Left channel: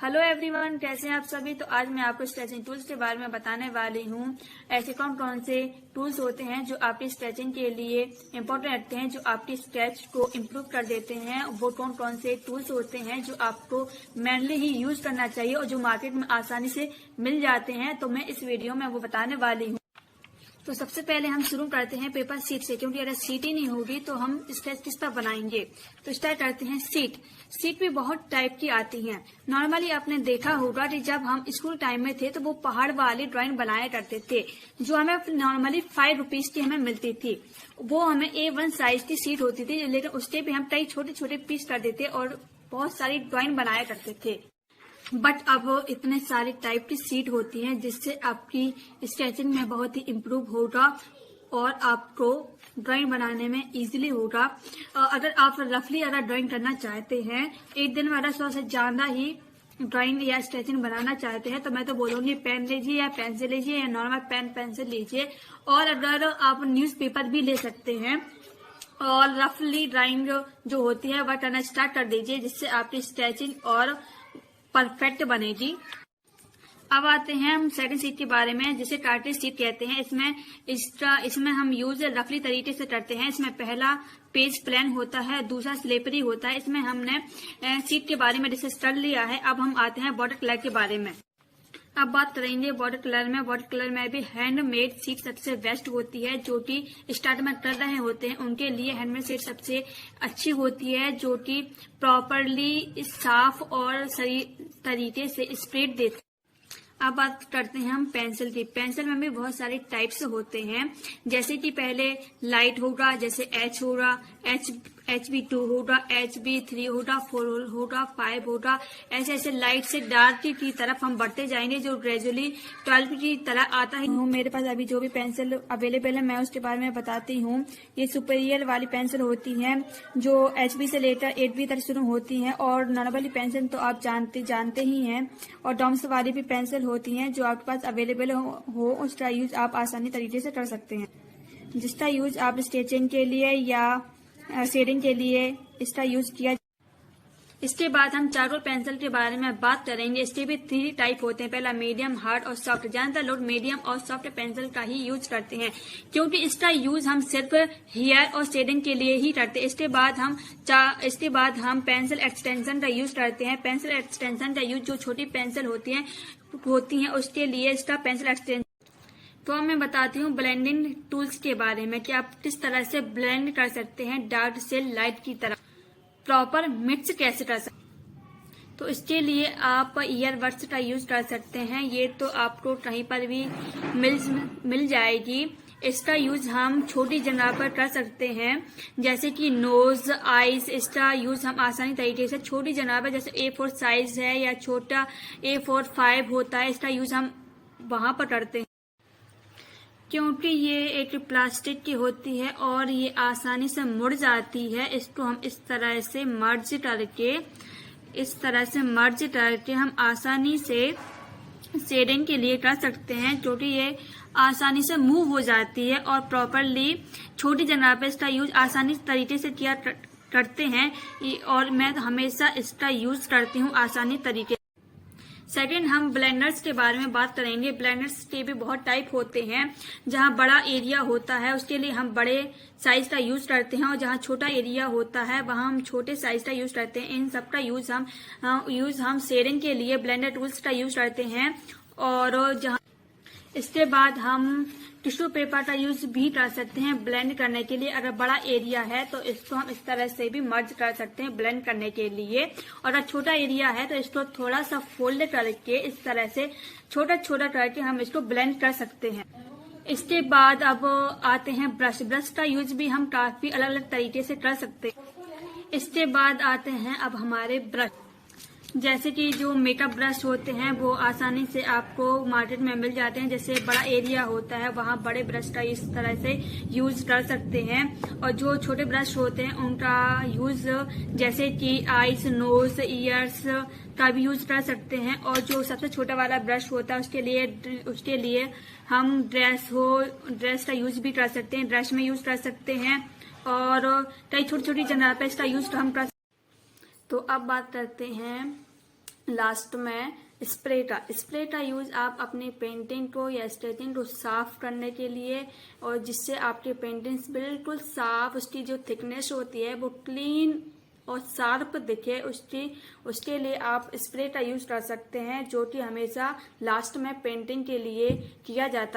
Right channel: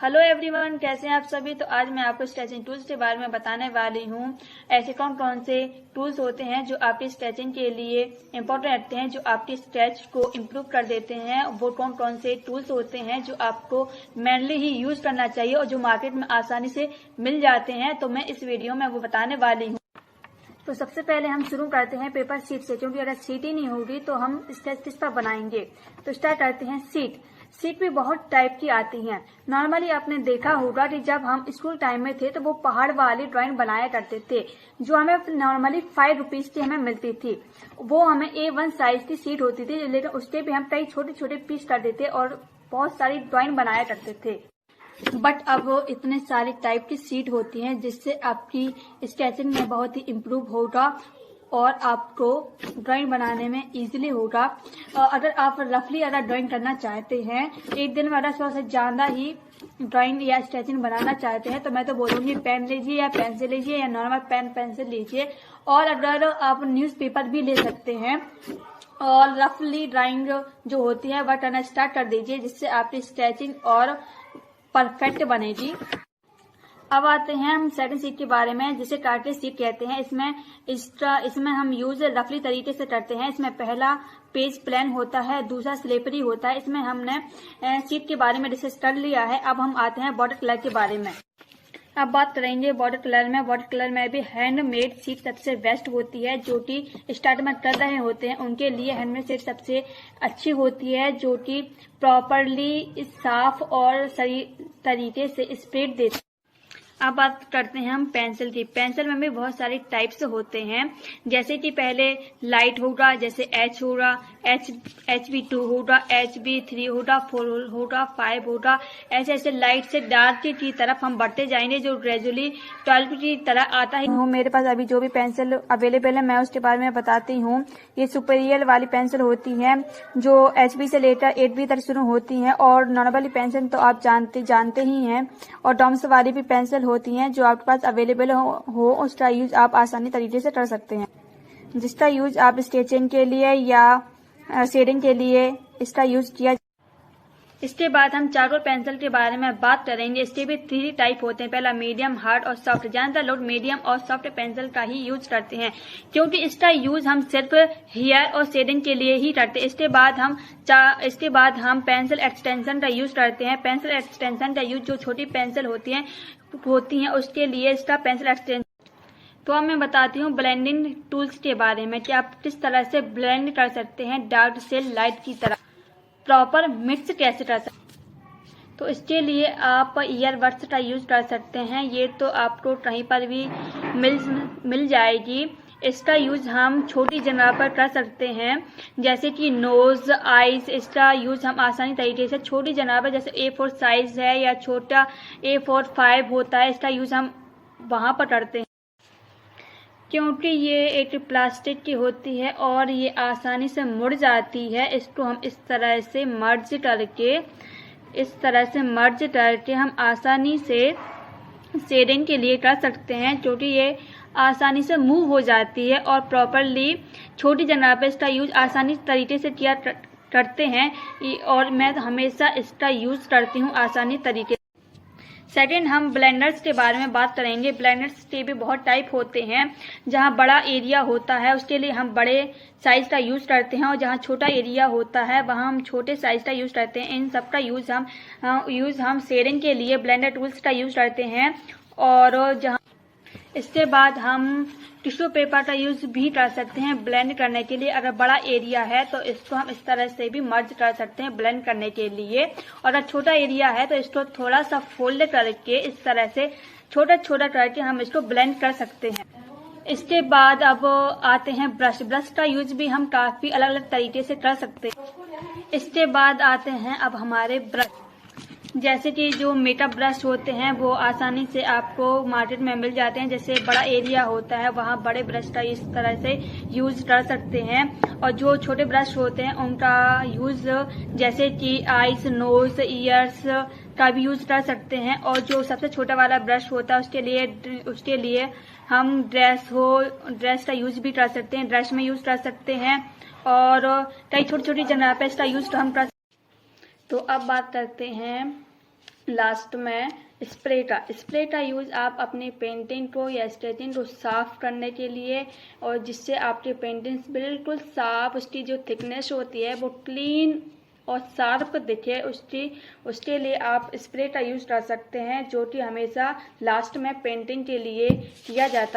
Hello everyone, कैसे हैं आप सभी। तो आज मैं आपको स्ट्रेचिंग टूल्स के बारे में बताने वाली हूँ। ऐसे कौन कौन से टूल्स होते हैं जो आपकी स्ट्रेचिंग के लिए इम्पोर्टेंट रहते हैं, जो आपकी स्ट्रेच को इम्प्रूव कर देते हैं। वो कौन कौन से टूल्स होते हैं जो आपको मेनली ही यूज करना चाहिए और जो मार्केट में आसानी से मिल जाते हैं। तो मैं इस वीडियो में वो बताने वाली हूँ। तो सबसे पहले हम शुरू करते हैं पेपर शीट से, क्योंकि अगर शीट ही नहीं होगी तो हम स्केच किस पर बनाएंगे। तो स्टार्ट करते हैं शीट। शीट भी बहुत टाइप की आती हैं। नॉर्मली आपने देखा होगा कि जब हम स्कूल टाइम में थे तो वो पहाड़ वाली ड्राइंग बनाया करते थे, जो हमें नॉर्मली 5 रुपीज की हमें मिलती थी। वो हमें A1 साइज की शीट होती थी, लेकिन उसके भी हम कई छोटे छोटे पीस कर देते और बहुत सारी ड्राइंग बनाया करते थे। बट अब इतने सारे टाइप की शीट होती हैं जिससे आपकी स्केचिंग में बहुत ही इम्प्रूव होगा और आपको ड्राइंग बनाने में इजीली होगा। अगर आप रफली अगर ड्राइंग करना चाहते हैं, एक दिन में अगर 100 से ज्यादा ही ड्राइंग या स्केचिंग बनाना चाहते हैं, तो मैं तो बोलूंगी पेन लीजिए या पेंसिल लीजिए या नॉर्मल पेन पेंसिल लीजिए। और अगर आप न्यूज़पेपर भी ले सकते हैं और रफली ड्राइंग जो होती है वह करना स्टार्ट कर दीजिए, जिससे आपकी स्केचिंग और परफेक्ट बनेगी। अब आते हैं हम सेकंड शीट के बारे में, जिसे कार्टलेज शीट कहते हैं। इसमें हम यूज रफली तरीके से करते हैं। इसमें पहला पेज प्लेन होता है, दूसरा स्लिपरी होता है। इसमें हमने शीट के बारे में डिस्कस कर लिया है। अब हम आते हैं बॉर्डर कलर के बारे में। अब बात करेंगे बॉर्डर कलर में। बॉर्डर कलर में भी हैंडमेड शीट सबसे बेस्ट होती है। जो कि स्टार्ट में कर रहे होते हैं उनके लिए हैंडमेड शीट सबसे अच्छी होती है, जो कि प्रॉपरली साफ और सही तरीके से स्प्रेड देती है। अब बात करते हैं हम पेंसिल की। पेंसिल में भी बहुत सारे टाइप्स होते हैं, जैसे कि पहले लाइट होगा, जैसे H होगा, HB2 होगा, HB3 होगा, 4 होगा, 5 होगा। ऐसे ऐसे लाइट से डार्क की तरफ हम बढ़ते जाएंगे, जो ग्रेजुअली 12 की तरह आता है। मेरे पास अभी जो भी पेंसिल अवेलेबल है मैं उसके बारे में बताती हूँ। ये सुपीरियर वाली पेंसिल होती है, जो HB से लेकर 8B तक शुरू होती है। और नॉर्मली पेंसिल तो आप जानते ही हैं। और डॉम्स वाली भी पेंसिल होती हैं, जो आपके पास अवेलेबल हो उसका यूज आप आसानी तरीके से कर सकते हैं, जिसका यूज आप स्केचिंग के लिए या शेडिंग के लिए इसका यूज किया। इसके बाद हम चारकोल पेंसिल के बारे में बात करेंगे। इसके भी 3 टाइप होते हैं, पहला मीडियम, हार्ड और सॉफ्ट। ज्यादातर लोग मीडियम और सॉफ्ट पेंसिल का ही यूज करते हैं, क्योंकि इसका यूज हम सिर्फ हेयर और शेडिंग के लिए ही करते हैं। इसके बाद हम पेंसिल एक्सटेंशन का यूज करते हैं। पेंसिल एक्सटेंशन का यूज जो छोटी पेंसिल होती हैं उसके लिए इसका पेंसिल एक्सटेंशन। तो अब मैं बताती हूँ ब्लेंडिंग टूल्स के बारे में, कि आप किस तरह से ब्लेंड कर सकते हैं डार्क से लाइट की तरह, प्रॉपर मिक्स कैसे कर सकते। तो इसके लिए आप ईयरबड्स का यूज कर सकते हैं। ये तो आपको कहीं पर भी मिल जाएगी। इसका यूज हम छोटी जगह पर कर सकते हैं, जैसे कि नोज, आईज। इसका यूज हम आसानी तरीके से छोटी जगह पर, जैसे A4 साइज है या छोटा A4 5 होता है, इसका यूज हम वहां पर करते हैं, क्योंकि ये एक प्लास्टिक की होती है और ये आसानी से मुड़ जाती है। इसको हम इस तरह से मर्ज करके हम आसानी से शेडिंग के लिए कर सकते हैं, क्योंकि ये आसानी से मूव हो जाती है और प्रॉपरली छोटी जगह पर इसका यूज आसानी तरीके से किया करते हैं। और मैं हमेशा इसका यूज करती हूँ आसानी तरीके। सेकेंड, हम ब्लेंडर्स के बारे में बात करेंगे। ब्लेंडर्स के भी बहुत टाइप होते हैं। जहाँ बड़ा एरिया होता है उसके लिए हम बड़े साइज का यूज करते हैं, और जहाँ छोटा एरिया होता है वहाँ हम छोटे साइज का यूज करते हैं। इन सब का यूज हम शेडिंग के लिए ब्लेंडर टूल्स का यूज करते हैं। और जहाँ इसके बाद हम टिश्यू पेपर का यूज भी कर सकते हैं ब्लेंड करने के लिए। अगर बड़ा एरिया है तो इसको हम इस तरह से भी मर्ज कर सकते हैं ब्लेंड करने के लिए। और अगर छोटा एरिया है तो इसको थोड़ा सा फोल्ड करके इस तरह से छोटा छोटा करके हम इसको ब्लेंड कर सकते हैं। इसके बाद अब आते हैं ब्रश। ब्रश का यूज भी हम काफी अलग अलग तरीके से कर सकते हैं। इसके बाद आते हैं अब हमारे ब्रश, जैसे कि जो मेकअप ब्रश होते हैं वो आसानी से आपको मार्केट में मिल जाते हैं। जैसे बड़ा एरिया होता है वहाँ बड़े ब्रश का इस तरह से यूज कर सकते हैं। और जो छोटे ब्रश होते हैं उनका यूज जैसे कि आईज, नोज, ईयर्स का भी यूज कर सकते हैं। और जो सबसे छोटा वाला ब्रश होता है उसके लिए हम ड्रेस का यूज भी कर सकते हैं, ड्रेस में यूज कर सकते हैं। और कई छोटी छोटी जगह पे इसका यूज हम कर। तो अब बात करते हैं लास्ट में स्प्रे का यूज आप अपनी पेंटिंग को या स्केचिंग को साफ करने के लिए, और जिससे आपकी पेंटिंग्स बिल्कुल साफ, उसकी जो थिकनेस होती है वो क्लीन और शार्प दिखे, उसके लिए आप स्प्रे का यूज कर सकते हैं, जो कि हमेशा लास्ट में पेंटिंग के लिए किया जाता है।